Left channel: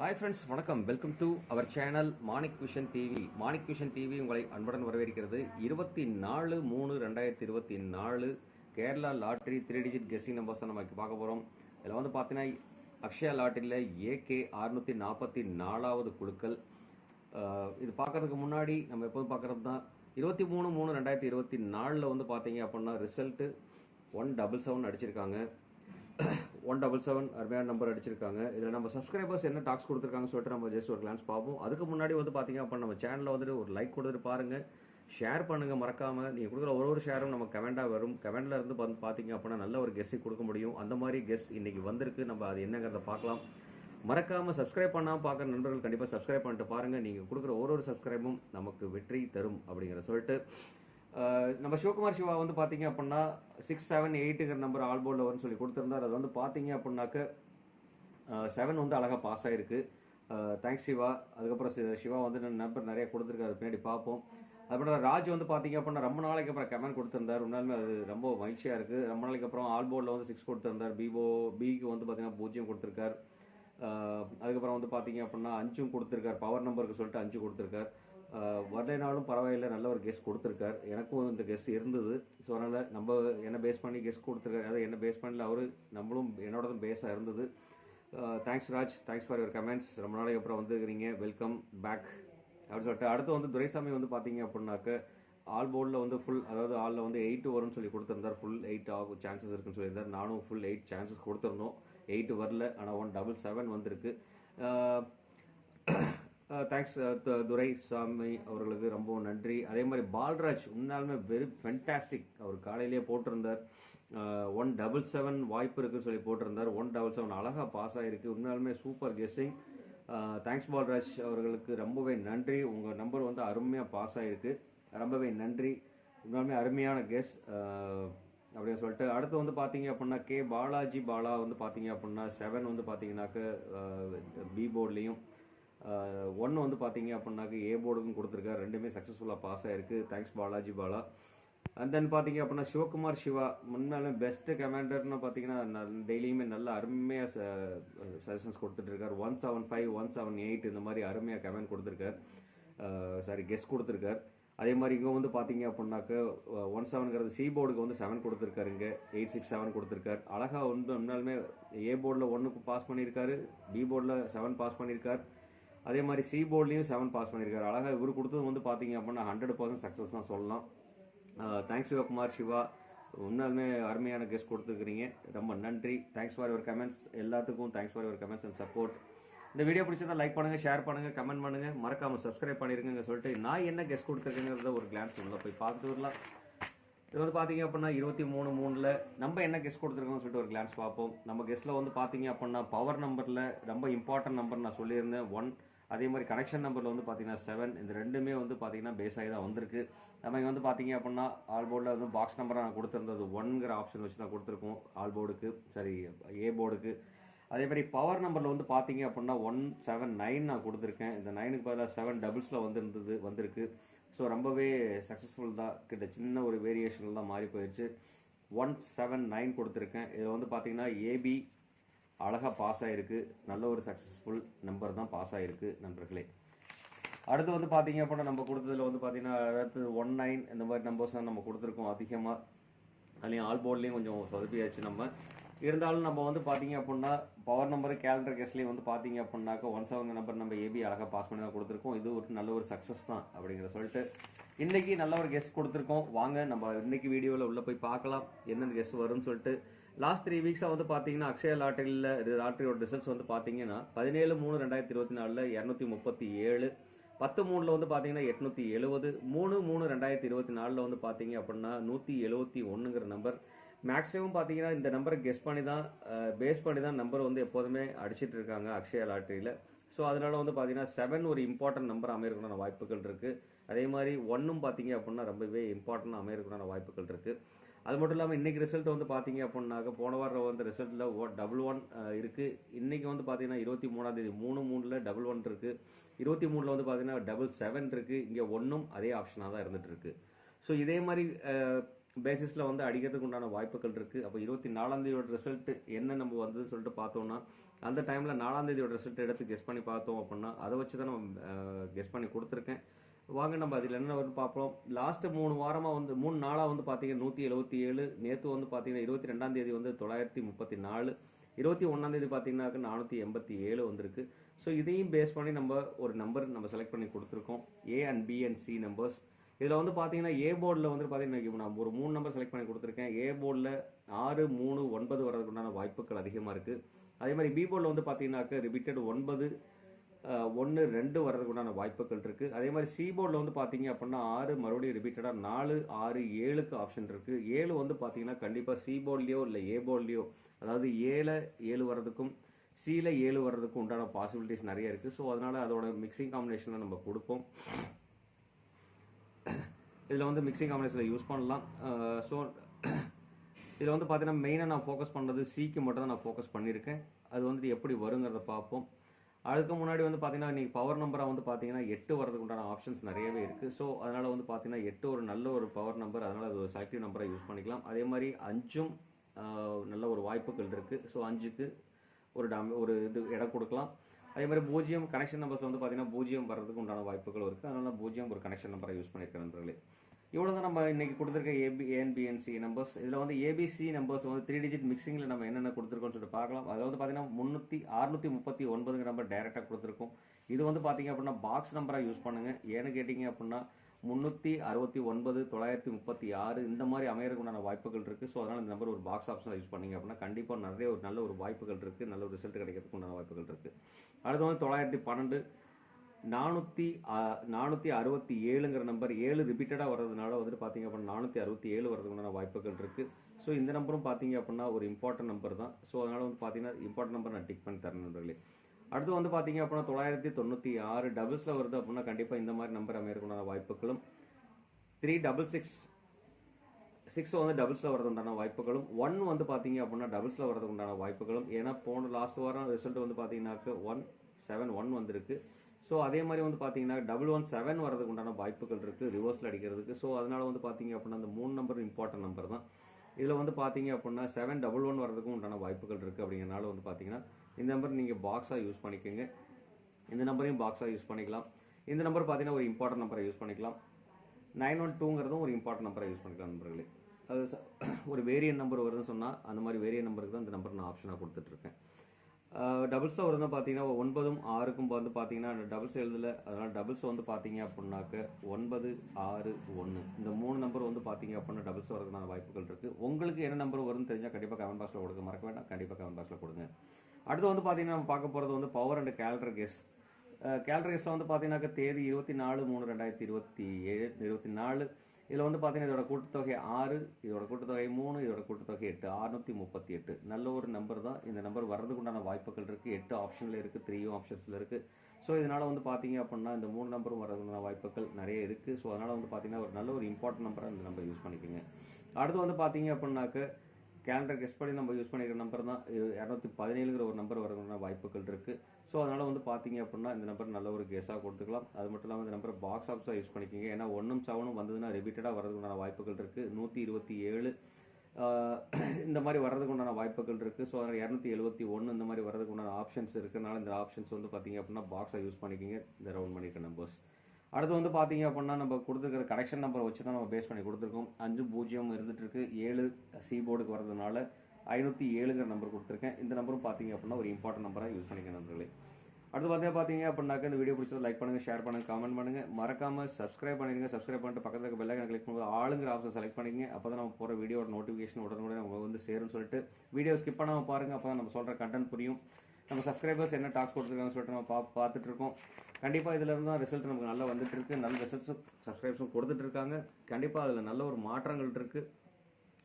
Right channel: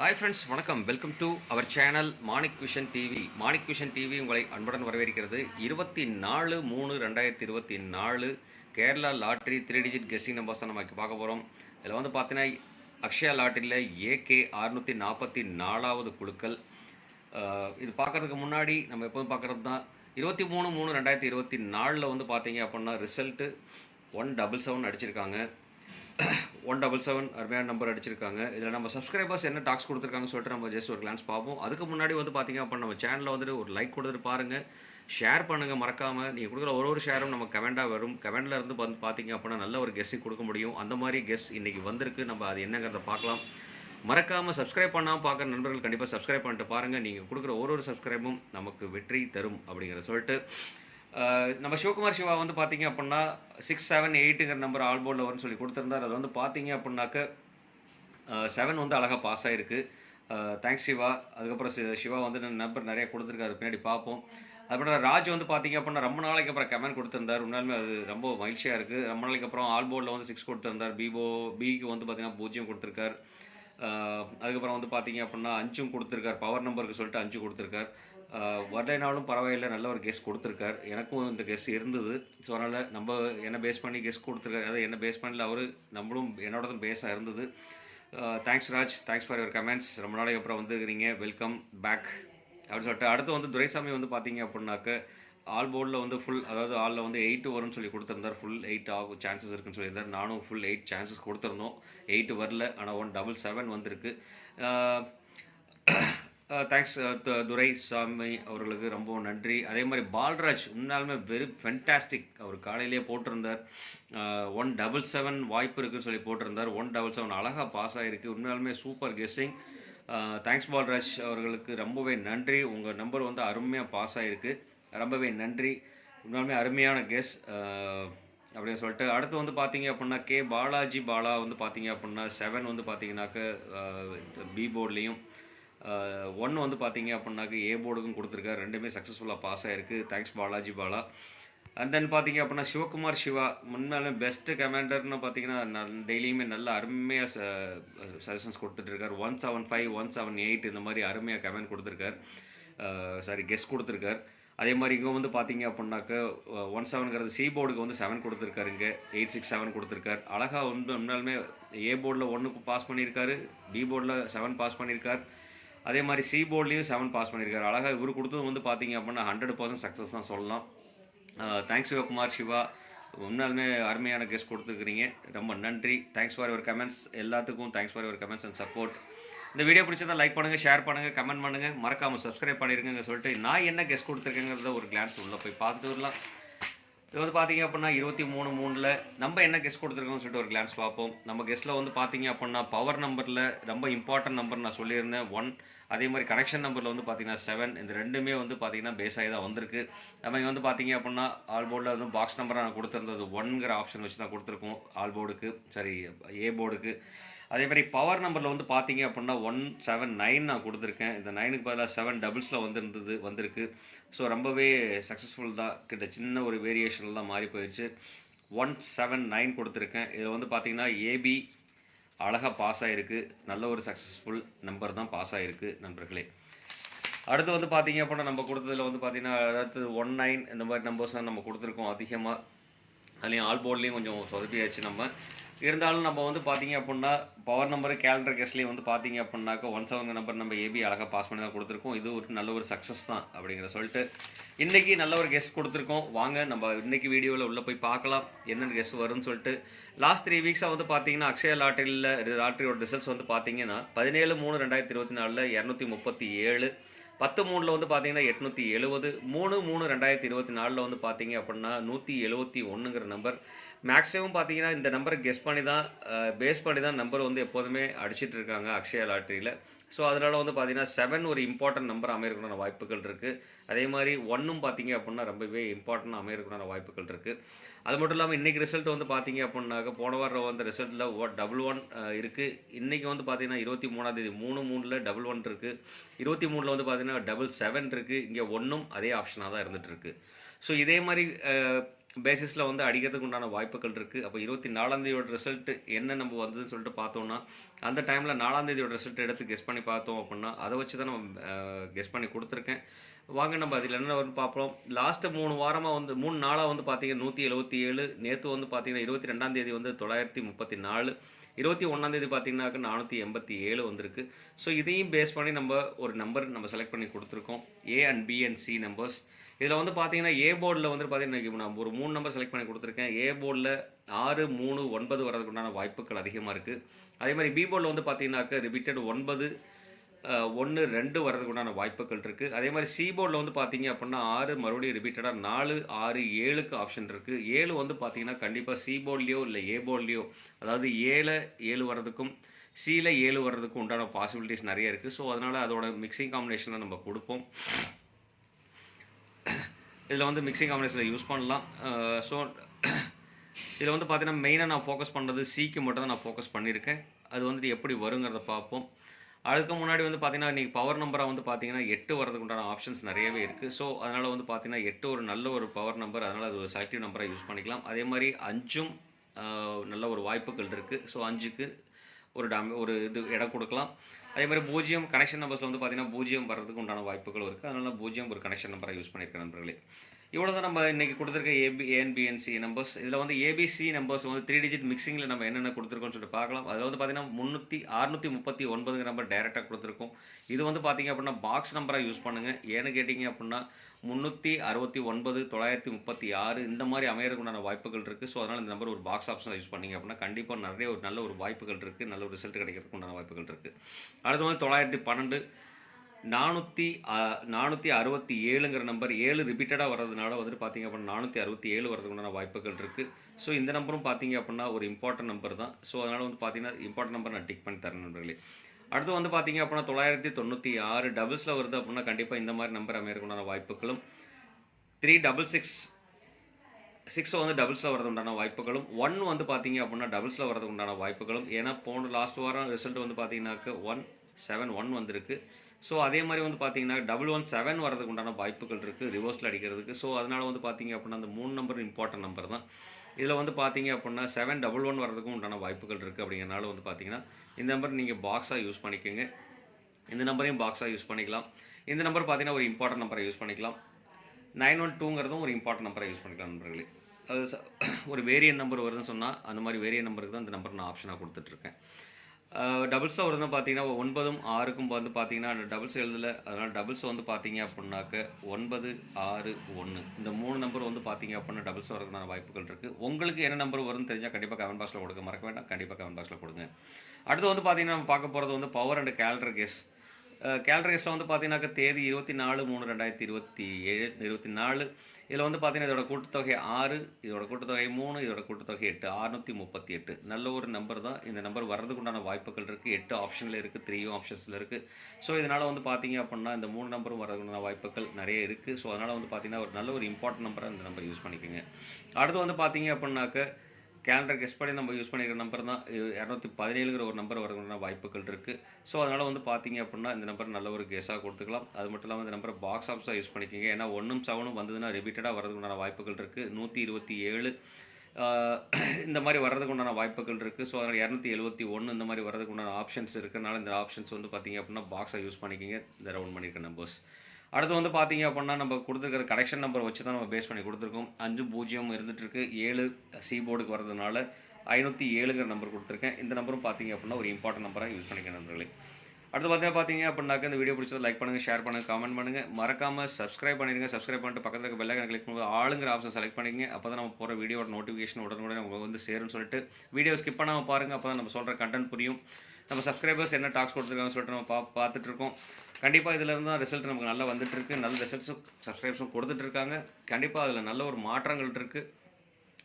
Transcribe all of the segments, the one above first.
Hi friends, வணக்கம். Welcome to our channel Manik vision TV. Manik vision TV உங்களை அன்புடன் வரவேற்கிறது. 24/3/2024 Kerala lottery 3 digit guessing numbers தான் நம்ம பார்க்க போகிறோம். இதில் வந்து பார்த்தீங்கன்னா அக்ஷயா லாட்ரியில் AK 644வது குழுக்கள். இது பார்க்குறதுக்கு முன்னாடி நம்ம எப்போதும் பார்க்குறது தான் 23/3/2024 வந்து பார்த்தீங்க அப்படின்னா ரிசல்ட்டு 177 அடிச்சிருக்காங்க. 177 அருமையான நம்பர் அடிச்சிருக்காங்க. இதில் நம்ம சப்ஸ்கிரைபர்ஸ் என்ன டாக்ஸ் கொடுத்துருக்காங்கன்னு சொல்லிட்டு நம்ம ஜஸ்ட் ஒரு கிளான்ஸ் பார்ப்போம். அதுக்கு முன்னாடி வந்து பார்த்தீங்க அப்படின்னா நம்ம சேனலில் வந்துட்டு ஒரு லைக் கொடுத்துட்டு பாருங்கள், ஷேர் பண்ணுங்கள் மறக்காமல். நீங்கள் கொடுக்குற ஒரு ஷேரும் நம்ம கமெண்ட்டாக வரும். கமெண்டில் இருந்து வந்து பார்த்தீங்க அப்படின்னா நல்ல ஒரு கெஸ்ஸிங் கொடுக்க முடியும். அந்த மாதிரி கெஸ் இன்றைக்கி வந்திருக்கு. நம்ம அது என்னங்கிறத பார்க்கலாம். மறக்காமல் சப்ஸ்கிரைப் பண்ணாமல் பார்க்குற நண்பர்கள் கண்டிப்பாக சப்ஸ்கிரைப் பண்ணிட்டு பாருங்கள். நீங்கள் கொடுக்குற ஒரு சப்ஸ்கிரைபும் நமக்கு வெற்றி தரும் அப்படிங்கிற சொல்லிட்டு நம்ம சிவகுமார் சிவா வந்து பார்த்தீங்க அப்படின்னா 678ங்கிற நம்பர் ஆல் போர்டில் வரும்னு சொல்லி கொடுத்துருந்தார். அது வந்து பார்த்தீங்க அப்படின்னாக்க 7 வந்து அழகாக பாஸ் ஆகிருக்கு. தேங்க்ஸ் சிவா. அதுக்கப்புறம் சிவா வந்து நம்பர் நிறைய கொடுத்துருக்காரு, பின்னாடி பார்ப்போம். அதுக்கப்புறம் ராஜ் வந்து பார்த்தீங்க அப்படின்னா ரொம்ப நாளைக்கு அப்புறம் கமெண்ட் கொடுத்துருந்தார். உண்மையாலுமே அது ரொம்ப மகிழ்ச்சியாக இருக்குது. ரொம்ப நாளைக்கு அப்புறம் ஆல் போர்டில் வந்து 6 கொடுத்துருந்தார். பிக்கு வந்து பார்த்தீங்கன்னா 0 கொடுத்துருக்கார். அதுக்கப்புறம் வந்து பார்த்தீங்க அப்படின்னா 5 கொடுத்துருக்கார். பவர் நம்பருக்கு சொல்லிட்டு 5 கொடுத்துருக்கார். வரலைனாலும் பரவாயில்லை, நல்ல ஒரு கெஸ் கொடுத்துருக்கார். எனக்கும் இந்த கெஸ் இருந்தது. ஸோ அதனால் நம்ம என்ன பேஸ் பண்ணி கெஸ் கொடுத்துருக்காரு, அதாவது என்ன பேஸ் பண்ணல அவர், நம்மளும் என்னோட தான் பேஸாக இருந்தது. Thanks Raj, thanks for your comments. ரொம்ப நாளைக்கு அப்புறம் வந்துருக்கிறீங்க, வெல்கம் பேக் அப்படின்னு சொல்லிட்டு. அடுத்து வந்து துரைசாமி வந்து பார்த்தீங்க அப்படின்னாக்க ஆல் போர்டில் வந்து ஃபுல், அதாவது ஆலில் வந்து 8 வரும்னு சொல்லி கொடுத்துருந்தார். ஃபுல் 8 ஆகும் சான்சஸ் இருக்குன்னு சொல்லியிருந்தார். நானும் ஃபுல் 8 சான்சஸ் கொடுத்துருந்தோம். 8 வரல, ஆனால் 177 வந்திருக்கு. தேங்க்ஸ் துரைசாமி அவர்களுக்கு ரொம்ப நன்றி. அதே மாதிரி பால்ராஜ் உண்மையாலுமே வெரி ஃபென்டாஸ்டிக். அவர் காலையிலேயே போட்டிருந்தார் 177 வாய்ப்பு இருக்குன்னு சொல்லி போட்டிருந்தார். 177 அழகாக பாஸ் ஆகிருக்கு. உண்மையாலுமே சூப்பர் கெஸ்ஸிங். தேங்க்ஸ் பால்ராஜ் அவர்களுக்கு ரொம்பவே நன்றி. உங்கள் நம்பர் வந்து அருமையாக பாஸ் ஆகிருக்கு, ரொம்பவே நன்றி. உண்மையாலுமே அருமையான கெஸ் அப்படின்னு சொல்லிட்டு. அடுத்து வந்து பார்த்தீங்க அப்படின்னா பாலாஜி பாலா வந்து பார்த்தீங்க அப்படின்னா 7 வந்து பார்த்தீங்கன்னாக்க பி போர்ட்லேயும் 1 வந்து பார்த்தீங்க அப்படின்னாக்க ஏ போர்டுக்கும் கொடுத்துருக்காரு. ரெண்டுமே சக்ஸஸ்ஃபுல்லாக பாஸ் ஆகிருக்கு. Thanks Balaji Bala. And then பார்த்தீங்க அப்படின்னா சிவகுமார் சிவா உண்மையாலுமே பெஸ்ட்டு கமாண்டர்னு பார்த்தீங்கன்னா டெய்லியுமே நல்ல அருமையாக சஜஷன்ஸ் கொடுத்துட்ருக்கார். 175 178 இந்த மாதிரி அருமையாக கமெண்ட் கொடுத்துருக்கார், சாரி கெஸ் கொடுத்துருக்கார். அதே மாதிரி இங்கே வந்து பார்த்தீங்க அப்படின்னாக்க 17ங்கிறது சி போர்டுக்கு வந்து 7 கொடுத்துருக்காருங்க. 867 கொடுத்துருக்கார். அழகாக உண்மையாலுமே ஏ போர்டில் 1 பாஸ் பண்ணியிருக்காரு, பி போர்டில் 7 பாஸ் பண்ணியிருக்கார். அதே மாதிரி சி போர்ட்லேயும் 7 பாஸ் பண்ணியிருக்காரு. அழகாக இவர் கொடுத்தது வந்து பார்த்தீங்க அப்படின்னா 100% சக்ஸஸ் தான் சொல்லலாம். தேங்க்ஸ் சிவகுமார் சிவா, உண்மையாலுமே அருமையான கெஸ்ட் கொடுத்துருக்கிறீங்க, ரொம்ப நன்றி. Thanks for your comments. எல்லாத்துக்கும் thanks for your comments and support. இந்த வீடியோ பிடிச்சிருந்தா லைக் பண்ணுங்கள், ஷேர் பண்ணுங்கள், கமெண்ட் பண்ணுங்கள், மறக்காமல் சப்ஸ்கிரைப் பண்ணியிருக்கேங்க சொல்லிட்டு நான் என்ன கெஸ்ட் கொடுத்துருக்கேங்கிறத ஒரு கிளான்ஸ் உள்ளே போய் பார்த்துட்டு வரலாம். இது வந்து பார்த்தீங்க அப்படின்னா 23/3 நம்ம என்ன கெஸ்ட் கொடுத்துருக்கோம்னு சொல்லிட்டு ஒரு கிளான்ஸ் பார்ப்போம். நம்ம கெஸ்ட்டில் வந்து பார்த்தீங்க அப்படின்னா பவர் நம்பரில் ரொம்ப இம்பார்ட்டன்ட் நம்பர் நான் சொல்லியிருந்தேன் 1. அதே மாதிரி கனெக்ஷன் நம்பரில் வந்து பார்த்தீங்கன்னா 7. இந்த ரெண்டுமே வந்து பார்த்தீங்கன்னா பேஸ் ஆகி தான் வந்திருக்கு. நம்ம இங்கே வந்து பார்த்தீங்க அப்படின்னா ஆல் போர்டில் வந்து பாக்ஸ் நம்பராக நான் கொடுத்துருந்தது 1ங்கிற ஆப்ஷன் வச்சு தான் கொடுத்துருக்கோம் ஆல் போர்டுக்கு, சரி ஏ போர்டுக்கு. அதே மாதிரி பவர் நம்பரில் வந்து பார்த்தீங்க அப்படின்னா 179 நான் கொடுத்துருக்கேன். இந்த 9க்கு பதிலாக 7 டபுள்ஸில் வந்திருக்கு. ஸோ ரொம்பவே சக்ஸஸ்ஃபுல் தான். கிட்ட சின்ன ஒரு வேரியேஷனில் தான் மாறி போயிடுச்சு. 179 கொடுத்துருக்கேன். இதில் வந்து பார்த்தீங்கன்னா ஏபி அழகாக பாஸ் ஆகிருக்கு. நல்ல ஒரு சக்ஸஸ்ஃபுல் நம்பர் தான் பாஸ் ஆகிருக்கு நண்பர்களே. அடுத்து வந்து பார்த்தீங்க அப்படின்னா நம்ம கொடுத்ததில் வந்து பார்த்தீங்கன்னா அடுத்து 19 இந்த மாதிரி நம்பர்ஸ் தான் நம்ம கொடுத்துருக்கோம் அதிகமாக. அதுலேயும் ஆல் போர்ட்லேயும் கொஞ்சம் சொதப்பியாச்சு நம்ம. இருந்தாலும் நம்ம வந்து பார்த்தீங்க அப்படின்னா பவர் நம்பரு கேலண்டர் கெஸ்ட்லேயும் வந்து பார்த்தீங்க அப்படின்னாக்க 17 நம்பர் நம்ம ஏபி அழகாக பாஸ் பண்ணி தான் கொடுத்துருக்கோம். இது ஒரு நல்ல ஒரு சக்ஸஸ் தான் அப்படிங்கிற சொல்லிட்டு இன்றைக்கி நல்ல ஒரு கெஸ்ட் கொடுத்துருக்கோம். வாங்க நம்ம இன்றைக்கி வீடியோவில் உள்ளே போய் பார்க்கலாம் என்னென்ன கெஸ்ட் வரும்னு சொல்லிட்டு. லாஸ்ட் 3 வீக்ஸாக வந்து பார்த்தீங்கன்னா அக்ஷயா லாட்டரியோட ரிசல்ட்ஸ் வந்து பார்த்தீங்கன்னா 17/3/2024 237, 10/3 வந்து பார்த்தீங்கன்னா 870, 3/3/2024 வந்து பார்த்தீங்க அப்படின்னா 171ங்கிற நம்பர். மேக்ஸிமம் பார்த்தீங்கன்னா இந்த நம்பரை கெஸ் பண்ணி தான் பேஸ் பண்ணி தான் நம்பர் வந்து எப்போதுமே அடிச்சிட்டு இருக்காங்க அக்ஷயா லாட்டரியில். ஸோ அதனால் வந்து பார்த்தீங்கன்னா 7 ஒரு இம்பார்ட்டன்ட் நம்பர் அமையறதுக்கான வாய்ப்புகள் இருக்குது. அதே மாதிரி 1ம் பார்த்தீங்க அப்படின்னா ரொம்பவே இம்பார்ட்டன்ட் அமையறதுக்கான வாய்ப்புகள் இருக்குது. அது மட்டும் இல்லாமல் இன்றைக்கி ரிசல்ட் வந்து பார்த்தீங்க அப்படின்னாக்க போன வாரம் வந்த ரிசல்ட்டில் 11 இருக்குது. இன்றைக்கி வந்து பார்த்தீங்கன்னா 23ஆம் தேதி 3/3 11 இருக்குது. 23 வந்து பார்த்தீங்கன்னா 77 இருக்குது. இங்கே 1ம் அதே ஆப்ஷனாக தான் இருந்துகிட்ருக்கு. ஸோ இதே மாதிரி பேசிஸில் வந்து அடிக்கிறதுக்கு உண்டான வாய்ப்புகள் இருக்குது. அப்போ 24ஆம் தேதியோட ரிசல்ட் என்ன நம்ம வந்ததுன்னு சொல்லிட்டு பார்த்தோம்னா, அந்த டைமில் 4ஆம் தேதியோட ரிசல்ட் எடுத்து கெஸ் பண்ணி பார்த்தோம் அப்படின்னா, அதை வச்சு தான் நம்ம கெஸ் பண்ணி கொடுத்துருக்கேன். வாங்க நம்ம அதில் என்ன வரும்னு பார்ப்போம். லாஸ்ட்டு 3 வாரமாக வந்து 3 நாளாக வந்து பார்த்தீங்கன்னா 177, நேற்று வந்து பார்த்தீங்கன்னா 22ஆம் தேதி வந்து 934, 21ஆம் தேதி பார்த்தீங்கன்னாக்க 487 வந்திருக்கு. ஸோ இதையும் பேஸ் பண்ணி நம்ம ஒரு நம்பர் நம்ம செலக்ட் பண்ணி கொடுத்துருக்கோம். A and B and C numbers. இதில் வந்து பார்த்தீங்கன்னா ஏ போர்டில் வந்து பார்த்தீங்கன்னா நான் ஒரு 3 நம்பர் செலக்ட் பண்ணி கொடுத்துருக்கேன். ஏ போர்டில் 6, 3, 9 வரதுக்கு உண்டான வாய்ப்புகள் அதிகமாக இருக்குது. அதே மாதிரி பி போர்டில் வந்து பார்த்தீங்கன்னாக்க ரிப்பீட்டட் 9, 1, 2 வரதுக்கு உண்டான வாய்ப்புகள் இருக்குது. அதே மாதிரி சி போர்டில் வந்து பார்த்தீங்க அப்படின்னா 6 மறுபடியும் ரிப்பீட்டடாக 4, 6, 7க்கு ஆப்ஷன் இருக்குது. 7 வந்து பார்த்தீங்கன்னா கண்டிப்பாக சி போர்ட்லேயோ இல்லை ஏ போர்ட்லேயோ, அதாவது ஏல 7 வரதுக்கும் சியில் 7 வர்றதுக்கும் உண்டான பாசிபிலிட்டிஸ் நிறைய இருக்குது. ஸோ அதனால் அதோட மிக்சிங் காம்பினேஷன் தான் நம்ம கொடுப்போம். இதில் வந்து மிக்சிங் காம்பினேஷனில் யூஸ் பண்ணலாம். ஸோ இதில் வந்து பார்த்தீங்கன்னா மெயினாக நான் ஃபோக்கஸ் பண்ணுறது சிக்கு மட்டும் தான் நான் ஃபோக்கஸ் பண்ணியிருக்கேன். அது வந்துட்டு எப்படி வருங்கிறத பார்ப்போம். அதுக்கு முன்னாடி வந்து பார்த்தீங்கன்னா இன்றைக்கி பவர் நம்பராக வந்து பார்த்தீங்கன்னா 8 வரதுக்கு உண்டான ஆப்ஷன்ஸ் நிறையவே இருக்குது. ஸோ அதனால் வந்து பார்த்தீங்கன்னா 8 ஒரு நல்ல ஒரு பவர் நம்பர். அதனால் அது ஒரு செலக்டிவ் நம்பராக யூஸ் பண்ணிக்கலாம். அதே மாதிரி 5ம் நல்ல ஒரு வாய்ப்புகள் இருக்குது. ஸோ 5க்கு ஒரு இது இடம் கொடுக்கலாம். அதே மாதிரி 0 கனெக்ஷன் நம்பர்ஸில் வந்து பார்த்தீங்கன்னா 0 வர்றதுக்கு உண்டான வாய்ப்புகள் இருக்குது. அதனால் 0 ஒரு கனெக்ஷன் நம்பராக யூஸ் பண்ணியிருக்கேன் நண்பர்களே. இவ்வளோ தான் நம்ம இன்றைக்கி கொடுத்துருக்க ஏஎன்பிஎன்சி நம்பர்ஸ். இதில் வந்து ஏபிசி நம்பர்ஸ் வந்து 3 டிஜிட் மிக்சிங்கில் நம்ம என்னென்ன கொடுத்துருக்கோம்னு சொல்லிட்டு பார்க்கலாம். அதில் வந்து பார்த்தீங்கன்னா 639 நம்பர் டேரெக்டாக கொடுத்துருக்கோம். இது வந்து பார்த்தீங்க அப்படின்னா பாக்ஸ் நம்பராக யூஸ் பண்ணுங்கள். ஏன்னு கேட்டிங்க அப்படின்னா 369, 936 இந்த மாதிரி அமையறதுக்கு உண்டான வாய்ப்புகள் இருக்குது. ஸோ அதனால் இந்த நம்பர் ஒரு பாக்ஸ் ஆப்ஷனில் யூஸ் பண்ணிங்க அப்படின்னா கண்டிப்பாக நிறைய ஒரு நல்ல ஒரு வாய்ப்புகள் இருக்குது. நல்ல ஒரு ரிசல்ட் கிடைக்கிறதுக்கு உண்டான வாய்ப்புகள் இருக்குது. அடுத்து வந்து 912, 467ங்கிற நம்பர் 7 ரிப்பீட்டடாக வர்றதுனால வந்துட்டு பார்த்தீங்க அப்படின்னா 467 வரதுக்கு உண்டான வாய்ப்புகள் இருக்குது. ஸோ இந்த நம்பரும் பார்த்தீங்க அப்படின்னா ஒரு இம்பார்ட்டன்ட் நம்பர் தான். ஸோ அதனால் வந்து பார்த்தீங்கன்னா இம்பார்ட்டன்ட் நம்பர் நான் டிக் பண்ணி தரேன் நண்பர்களே. அடுத்து வந்து பார்த்தீங்க அப்படின்னா 996 டபுள்ஸில் வருது அப்படின்னா கண்டிப்பாக இந்த மாதிரி நம்பர் அமையறதுக்குண்டான வாய்ப்புகளும், 366 6 வந்து டபுள்ஸில் வரது உண்டான வாய்ப்புகளும், 1 வந்து பார்த்தீங்க அப்படின்னா டபுள்ஸில் வரதுக்கு உண்டான வாய்ப்புகளும். ஏன்னா போன லாஸ்ட் வாரம் ரிசல்ட் வந்து பார்த்தீங்கன்னாக்க 171 வந்திருக்கு. ஸோ அதே மாதிரி வந்து பார்த்தீங்கன்னா 117 வரதுக்கு உண்டான வாய்ப்புகள் இருக்குது ரிவர்ஸில் அடிக்கிறதுக்கு. ஸோ அதனால் வந்து பார்த்தீங்க அப்படின்னா அந்த 3 நம்பர் இம்பார்ட்டன்ட் நம்பர் தான். இதில் வந்து பார்த்தீங்க அப்படின்னா 711 வரதுக்கும் உண்டான வாய்ப்புகள் இருக்குது. அப்படிங்கிறனால வந்து பார்த்தீங்கன்னா இந்த நம்பர் நீங்கள் பாக்ஸாக யூஸ் பண்ணிக்கோங்க. இந்த நம்பரையும் பாக்ஸாக யூஸ் பண்ணிக்கலாம். இந்த நம்பர் பார்த்தீங்கன்னா ஒரு இம்பார்ட்டன்ட் நம்பரை யூஸ் பண்ணிக்கலாம். 912ங்கிறதும் ஒரு இம்பார்ட்டன்ட் நம்பரை யூஸ் பண்ணிக்கலாம் நண்பர்களே. அது ஒரு வேரியன்ட் நம்பர் வருதுன்னு சொன்னால் அந்த மாதிரி வேரியன்ட் நம்பருக்கு தான் இந்த நம்பர் நான் ஆப்ஷனாக கொடுத்துட்ருக்கேன். டபுள்ஸில் வருதுன்னா பார்த்தீங்கன்னா 9ம் 6க்கும் வந்து பார்த்தீங்கன்னா டபுள்ஸ் எழுதலை. அதனால் டபுள்ஸ் வந்து பார்த்தீங்க அப்படின்னாக்க 9, 6, 1 இந்த 3 நம்பர் வந்து பார்த்தீங்க அப்படின்னா டபுள்ஸ் வரதுக்கான வாய்ப்புகள் இருக்குது. உங்களுக்கு என்ன நம்பர் வரும்னு தெரிஞ்சால் கண்டிப்பாக கமெண்ட் பாக்ஸில் கொடுங்க. மறக்க வேண்டாம், கண்டிப்பாக கமெண்ட் பாக்ஸில் கொடுங்க. அடுத்து வந்து பார்த்தீங்கன்னா நம்ம பார்க்க போகிறது வந்து power and calendar guess. Calendar கெஸ்ட்டில் வந்து பார்த்தீங்கன்னாக்க தேதி 24/3/2024. இதில் வந்து பார்த்தீங்கன்னா இதோட கூட்டுத்தொகை 6, இதோட கூட்டுத்தொகை 3, இதோட கூட்டுத்தொகை 8, 638. நல்ல ஒரு நம்பர் தான். இந்த நம்பர் வர்றதுக்கு உண்டான வாய்ப்புகள் இருக்குது. 8 ஆப்ஷனில் இருக்குது, 3 ஆப்ஷன்ஸில் இருக்குது. ஸோ இதனால் வந்து பார்த்தீங்க அப்படின்னா இந்த 3 நம்பரும் வர்றதுக்கு உண்டான வாய்ப்புகள் நிறைய இருக்குது. ஸோ அதனால் வந்து பார்த்தீங்கன்னா ஒரு நல்ல ஒரு இம்பார்ட்டன்ட் நம்பராக இந்த நம்பர் யூஸ் பண்ணிக்கோங்க. அடுத்து வந்து பார்த்தீங்க அப்படின்னாக்க கேலண்டர் கெஸ் பண்ணி நம்ம யூஸ் பண்ணிக்கிற நம்பர் தான் 217ங்கிற ஒரு நம்பர் வரதுக்கான வாய்ப்புகள் இருக்குது. ஸோ அதனால் வந்து பார்த்தீங்க அப்படின்னா இந்த நம்பர் நல்ல ஒரு கெஸ்ஸாக கொடுத்துக்கலாம். அது மட்டும் இல்லாமல் இந்த நம்பரை பாக்ஸ் ஆப்ஸாக யூஸ் பண்ணிக்கோங்க. ஏன்னா 1ம் 7ம் வந்ததுன்னா ரிப்பீட்டடாக வரதுக்குண்டான வாய்ப்புகள் இருக்குது. 127 இந்த மாதிரி வர்றதுக்கு உண்டான வாய்ப்புகள் இருக்குது. ஸோ அதனால் 271 இந்த மாதிரி வரதுக்கு உண்டான ஆப்ஷன்ஸ் இருக்கிறனால இந்த ஆப்ஷன்ஸ் வந்து பார்த்தீங்க அப்படின்னா பாக்ஸாக யூஸ் பண்ணிக்கோங்க இந்த ரவுண்ட் பண்ணியிருக்க நம்பர்ஸ். அடுத்து வந்து பார்த்தீங்க அப்படின்னா நம்ம கொடுத்துருக்கிற கனெக்ஷன் நம்பர் வச்சு தான் நம்ம பேஸ் பண்ணி கொடுத்துருக்கோம். 5 இருந்துகிட்ருக்கு. 7 சி போர்டுக்கு வரதுனால 507ங்கிற நம்பர் கொடுத்துருக்கேன். இந்த நம்பரும் பார்த்தீங்க அப்படின்னா ஒரு இம்பார்ட்டன்ட் நம்பராக யூஸ் பண்ணிக்க நண்பர்களே. அடுத்து பார்த்தீங்க அப்படின்னாக்க இந்த வீடியோ பிடிச்சதை லைக் பண்ணுங்கள், ஷேர் பண்ணுங்கள், கமெண்ட் பண்ணுங்கள். மறக்காமல் சப்ஸ்கிரைப் பண்ணிடுங்க. சப்ஸ்கிரைப் பண்ணிட்டு பக்கத்தில் இருக்க பெல் ஐகானை கிளிக் பண்ணும்போது ஆளுங்கிற ஆப்ஷன் செலக்ட் பண்ணிக்கங்க. அப்போ தான் நம்ம போகிற வீடியோட நோட்டிஃபிகேஷன் உடனுக்குடன் உங்களுக்கு வந்து சேரும்னு சொல்லிட்டு வீடியோ ஸ்கிப் பண்ணாமல் பாருங்கள். அப்போ தான் நம்ம சொல்கிற கண்டென்ட் புரியும். நம்ம சப்ஸ்கிரைபர்ஸ் என்ன டாக்ஸ் கொடுத்துருக்காங்கன்னு சொல்லிட்டு நம்ம பார்த்துட்ருக்கோம். கண்டிப்பாக இதில் இருந்து தான் ரிசல்ட் நமக்கு நல்லா வந்துட்டுருக்கு. நல்ல ரிசல்ட்ஸும் சப்ஸ்கிரைப்ஸும் கொடுத்துட்ருக்காங்க. கண்டிப்பாக அதில் நல்ல ஒரு மாற்றங்கள் இருக்குது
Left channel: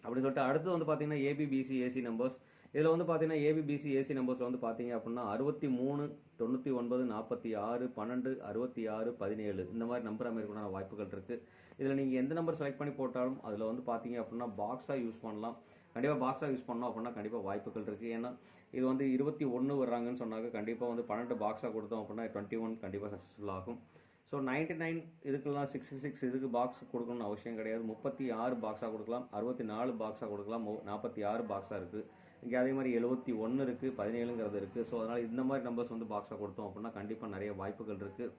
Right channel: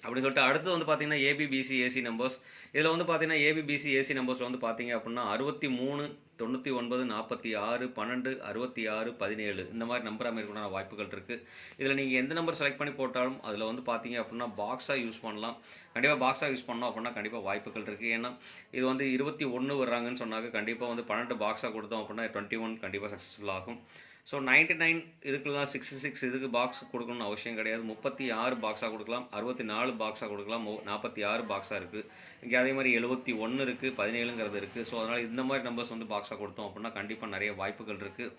அப்படின்னு சொல்லிட்டு அடுத்து வந்து பார்த்தீங்கன்னா ஏபிபிசி ஏசி நம்பர்ஸ். இதில் வந்து பார்த்தீங்கன்னா ஏபிபிசி ஏசி நம்பர்ஸில் வந்து பார்த்தீங்க அப்படின்னா 63, 99, 46, 12, 66, 17 இந்த மாதிரி நம்பர் அமைக்கிறதுக்கான வாய்ப்புகள் இருக்குது. இதில் நீங்கள் எந்த நம்பர் செலக்ட் பண்ணி போட்டாலும் அதில் வந்து பார்த்தீங்க அப்படின்னா பாக்ஸாக யூஸ் பண்ணலாம். கண்டிப்பாக பாக்ஸாக யூஸ் பண்ணோம் அப்படின்னா கண்டிப்பாக வாய்ப்புகள் இருக்குது. ஏன்னா இது வந்து 21 வர்றாங்கன்னு சொன்னாங்க. கண்டிப்பாக வந்து 12 பாக்ஸாக கொடுத்தோம் அப்படின்னா 21 கண்டிப்பாக சக்ஸஸ்ஃபுல் ஆகும். ஸோ 99 இதுக்கெல்லாம் 66 இதுக்கு பாக்ஸ் கொடுக்கணும்னு அவசியம் கிடையாது. 36 பாக்ஸாக கொடுக்கலாம், 64 பாக்ஸாக கொடுக்கலாம், 46 பாக்ஸாக இருக்குது. இங்கே அதே மாதிரி 71 இருக்குது, 17ங்கிறது இருக்குது. ஸோ அதனால் இந்த மாதிரி நம்பர்ஸ் வந்து பாக்ஸாக கொடுத்தோம் அப்படின்னா கண்டிப்பாக நிறைய வாய்ப்புகள் இருக்குது.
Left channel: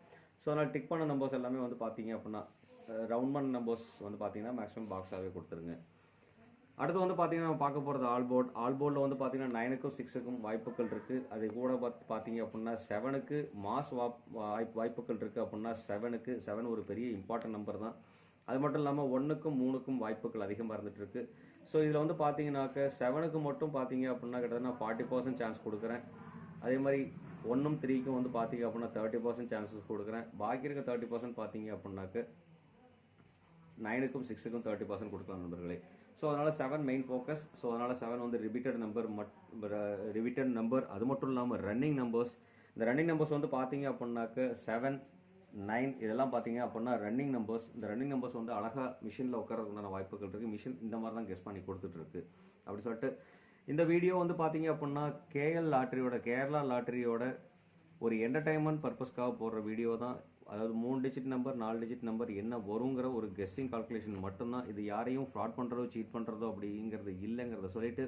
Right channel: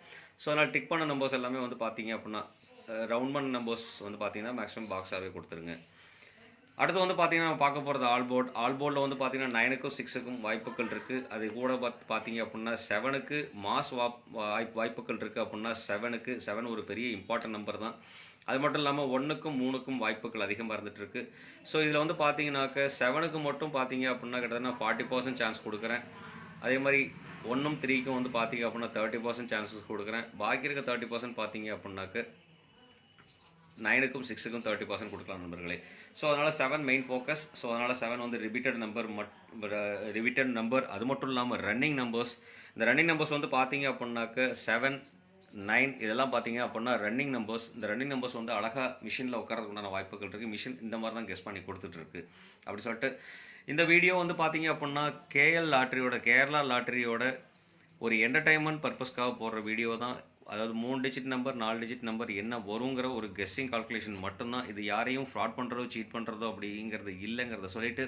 ஸோ அதனால் டிக் பண்ண நம்பர்ஸ் எல்லாமே வந்து பார்த்தீங்க அப்படின்னா ரவுண்ட் பண்ண நம்பர்ஸ் வந்து பார்த்தீங்கன்னா மேக்ஸிமம் பாக்ஸாகவே கொடுத்துருங்க. அடுத்து வந்து பார்த்தீங்கன்னா நம்ம பார்க்க போகிறது ஆல் போர்டில் வந்து பார்த்தீங்கன்னா 9க்கும் 6க்கும் வாய்ப்புகள் இருக்குது. அது கூட பார்த்தீங்க அப்படின்னா 7க்கு மாஸ் வாய்ப்புகள் இருக்குது. அப்படின்னா 7 ஒரு பெரிய இம்பார்ட்டன்ட் நம்பர் தான். அது மட்டும் இல்லாமல் 1க்கும் 3க்கும் வாய்ப்புகள் அதிகமாக இருந்துகிட்ருக்கு. ஸோ இதில் வந்து பார்த்தீங்கன்னாக்க 7க்கு மட்டும் பார்த்தீங்க அப்படின்னா கிட்டத்தட்ட நான் 40% சான்ஸ் கொடுக்குறேன். அதே மாதிரி 1ம் 3க்கும் வந்து பார்த்தீங்க அப்படின்னா 30% சான்சஸ் கொடுக்குறேன். பாக்கி இருக்க 30% பார்த்தீங்க அப்படின்னாக்க 9க்கும் 6க்கும் 30% கொடுக்கலாம் நண்பர்களே. ஸோ அதனால் 7 மெயின் ஃபோக்கஸ். ஸோ அதனால் 7 வந்து ரிப்பீட்டட் நம்பர். அது மட்டும் இல்லாமல் ரன்னிங் நம்பர்ஸ். இந்த ரன்னிங் நம்பர்ஸ் வந்து பார்த்தீங்க அப்படின்னாக்க 7, 9 இதெல்லாம் பார்த்தீங்க அப்படின்னா ரன்னிங் நம்பர்ஸ். இந்த ரன்னிங் நம்பர்ஸ் வந்து அழகாக மிஷினில் உட்காரதுக்குண்டான வாய்ப்புகள் இருக்குது. மிஷின் இந்த மாதிரி தான் கெஸ் பண்ணி கொடுத்துட்ருக்கு. அப்படி சொல்லிட்டு இந்த வீடியோ வந்து பார்த்தீங்க அப்படின்னா கேரளா லாட்டரியோட ஒரு என்டர்டைன்மெண்ட் பர்பஸ்க்காக போடுற வீடியோ தான். அதாவது 3 டிஜிட் நம்பர் 4 டிஜிட் நம்பர் என்ன வருங்கிற ஒரு கெஸ்ஸிங் கால்குலேஷன் மட்டும்தான். இது யாரையும் ஃப்ராட் பண்ணுறதோ சீட் பண்ணுறதோ அப்படிங்கிறது இல்லைங்கிறத சொல்லிட்டு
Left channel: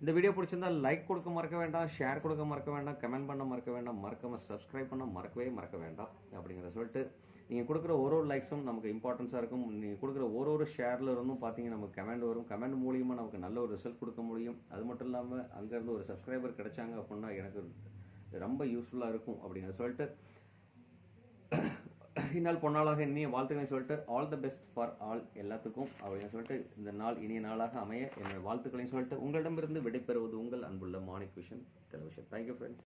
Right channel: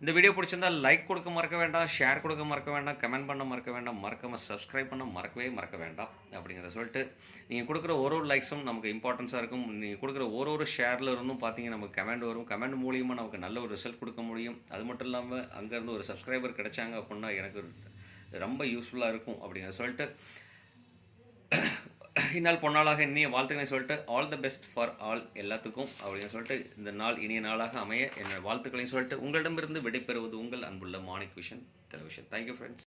இந்த வீடியோ பிடிச்சிருந்தா லைக் கொடுக்க மறக்க வேண்டாம், ஷேர் கொடுக்க மறக்க வேண்டாம், கமெண்ட் பண்ண மறக்க வேண்டாம், மறக்காமல் சப்ஸ்கிரைப் பண்ண மறக்க வேண்டாம் அப்படிங்கிறத சொல்லிட்டு நீங்கள் கொடுக்குற ஒரு லைக்ஸும் நமக்கு இம்பார்ட்டன்ஸாக இருக்கும். நீங்கள் கொடுக்குற ஒரு ஷேரில் இருந்தும் பார்த்தீங்கன்னா நமக்கு கமெண்ட் வரும். கமெண்ட் மூலியமாக நமக்கு நல்ல ஒரு ரிசல்ட் கொடுக்க முடியும். அது மட்டும் இல்லாமல் அங்கேருந்து ஒரு சப்ஸ்கிரைபர் கிடைச்சாங்க அப்படின்னா எனக்கு ரொம்ப யூஸ்ஃபுல்லாக இருக்கும் அப்படிங்கிறத சொல்லிட்டு இந்நாள் பொன்னாளாக இனிய வாழ்த்துக்களை சொல்லிட்டு all the best for all எல்லாத்துக்கும் அப்படின்னு சொல்லிட்டு இந்த நாள் இனிய நாளாக அமைய என்னோட வாழ்த்துக்களையும் சொல்லிட்டு உங்களிடமிருந்து விடைபெறுவது உங்கள் அன்புள்ள Manik vision television. Thank you friends.